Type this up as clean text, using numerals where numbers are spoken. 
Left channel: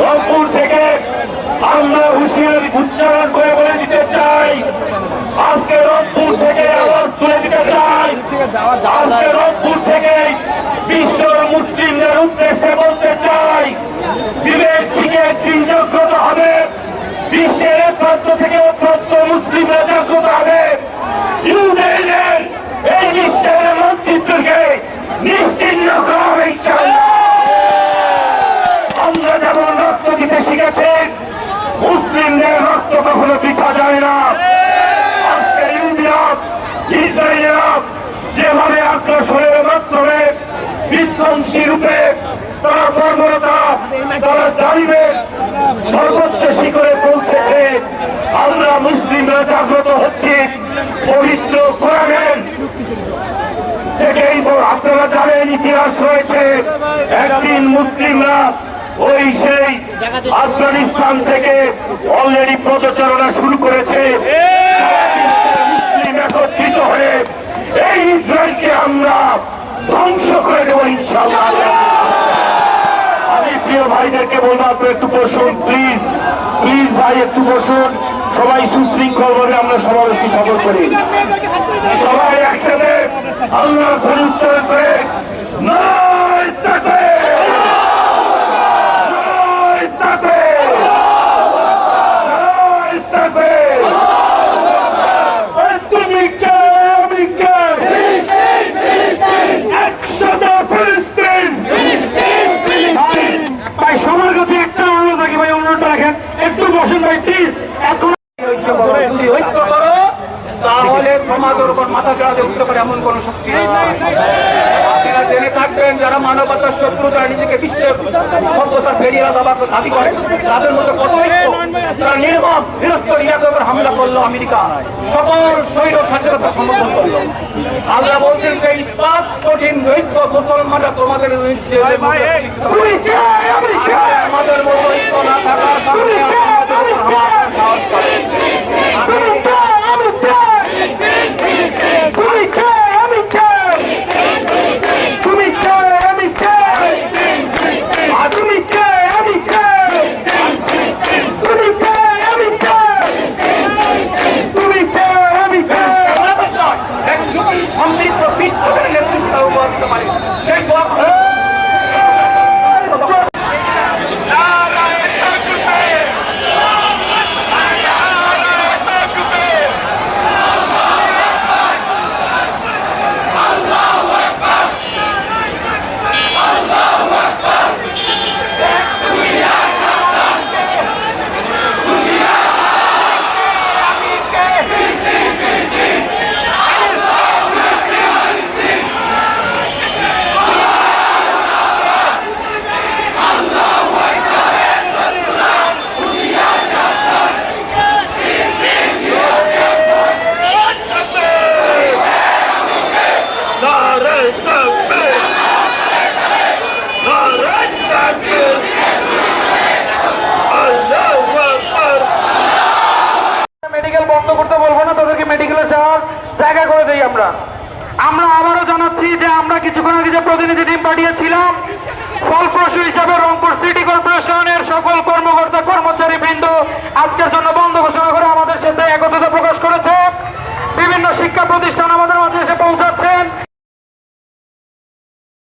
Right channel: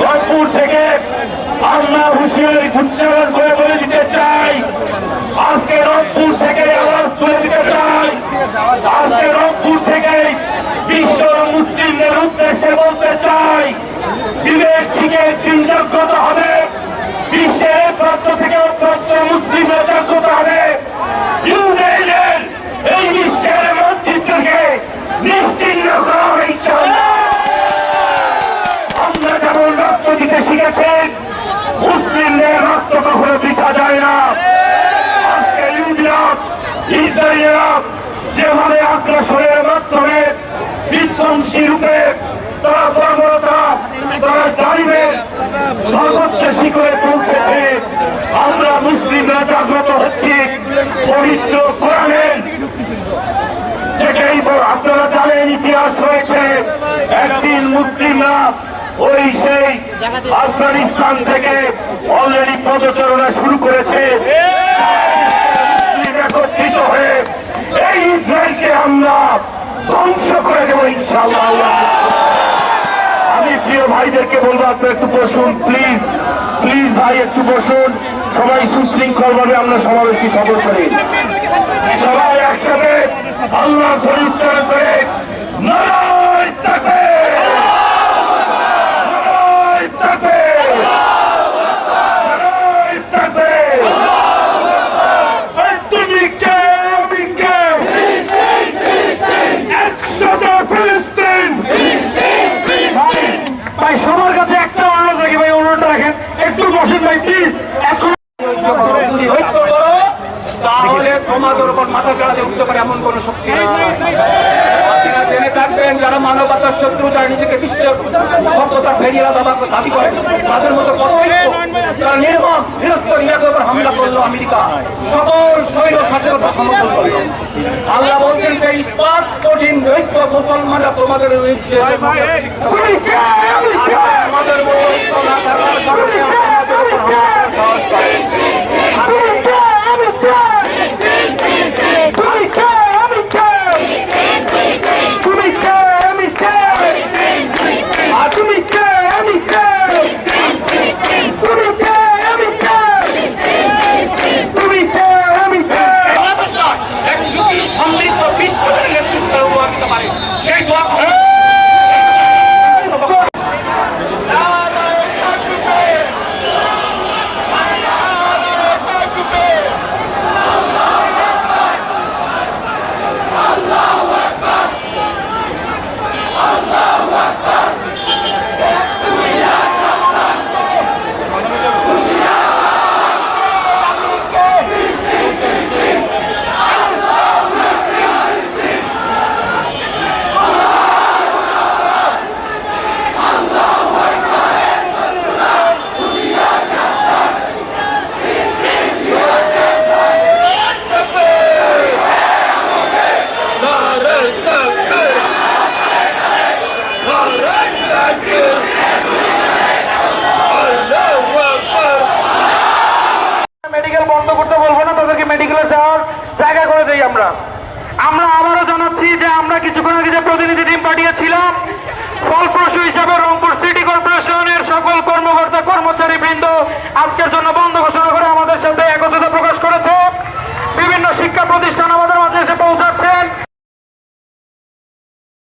রংপুর থেকে আমরা হুঁশিয়ারি উচ্চারণ করে বলে দিতে চাই, আজকে রংপুর থেকে আওয়াজ তুলে দিতে চাই, আজকে রংপুর থেকে বিশ্ব মুসলিমদের উদ্দেশ্যে বলতে চাই, বিবেক থেকে দিন জাগ্রত হবে, বিশ্বের প্রান্ত থেকে প্রান্ত মুসলিমরা জাগ্রত হবে। ইউক্রেনের এই বিশ্বের মানচিত্রকে নিশ্চিহ্ন করা হবে ইনশাআল্লাহ। আমরা যেমন রক্ত দিতে শিখেছি, মুসলিমদের রক্ত কখনো বৃথা যায় না। আজকে ইসরায়েলিরা যেভাবে আগ্রাসনের মাধ্যমে বিধ্বংসী রূপে তারা বর্বরতা, তারা জালিমের সর্বোচ্চ শিখরে পৌঁছেছে, আমরা মুসলিমরা জাগ্রত হচ্ছি। পবিত্র কোরআনের থেকেই আপনারা জানেন, ইতিহাস রয়েছে, একদিন মুসলিমরা ওই সেই আফগানিস্তান থেকে অলরেডি পদচারণা শুরু করেছে। মুসলিম একত্রিত হয়ে এই ইসরায়েলকে আমরা ধ্বংস করে দেবো ইনশাআল্লাহ। আমি প্রিয় ভাইদেরকে বলবো, আপনি একটু বসুন প্লিজ, প্লিজ ভাই একটু বসুন। সবাই সুশৃঙ্খল ভাবে আমরা সমাবেশকে সফল করি। সবাই একসাথে আল্লাহ ধরে উচ্চারণ করে নারায়ে তাকবীর, নারায়ে তাকবীর, নারায়ে তাকবীর। তুমি কে, আমি কে, একসাথে ফিলিস্তিন। ভাই সবার কাছে একটা অনুরোধ রাখি, ভাই অনুরোধ রাখেন, একটু বসুন ভাই প্লিজ। এখন যদি ঐক্য করো তাহলে সমাজের উপর মাথা চাড়াতে উঠতে পারে এমন কোন শক্তি নাই। আপনারা জেনে থাকবেন, যারা মানবতার শত্রু, যারা নিজেকে বিশ্বের সভ্যতার ফেরিয়া দাবাকে দাবি করে, তাদের মতো কত তারা নির্মম নিরস্ত্র ইয়াদের উপর হামলা করলো আমেরিকা, সকল শৈল স্বাধীনতা সমর্থন করলো। আল্লাহ বলছেন যে ইস্পাত কঠিন দৈত্য মুসলমানরা তোমাদের আমাদের সাহস করে। মেডিকেল বন্ধ করতে বলবো না, তাদেরকে মেডিকেলে যাওয়ার জায়গা করে দিই। আমরা আবারও জানাচ্ছি যে আমরা কিছুক্ষণ আগে যে প্রতিনিধি টিম পাঠিয়েছিলাম, ফলপ্রসূ হিসাবে রংপুর সিটি কর্পোরেশনের সকল কর্মকর্তা কর্মচারী বৃন্দ আজকের জন্য বন্ধ ঘোষণা করে আমাদের সাথে একত্রিত প্রকাশ করেছে। বিভিন্ন শিক্ষা প্রতিষ্ঠান আমাদের মাঝে এসে পৌঁছাচ্ছেন।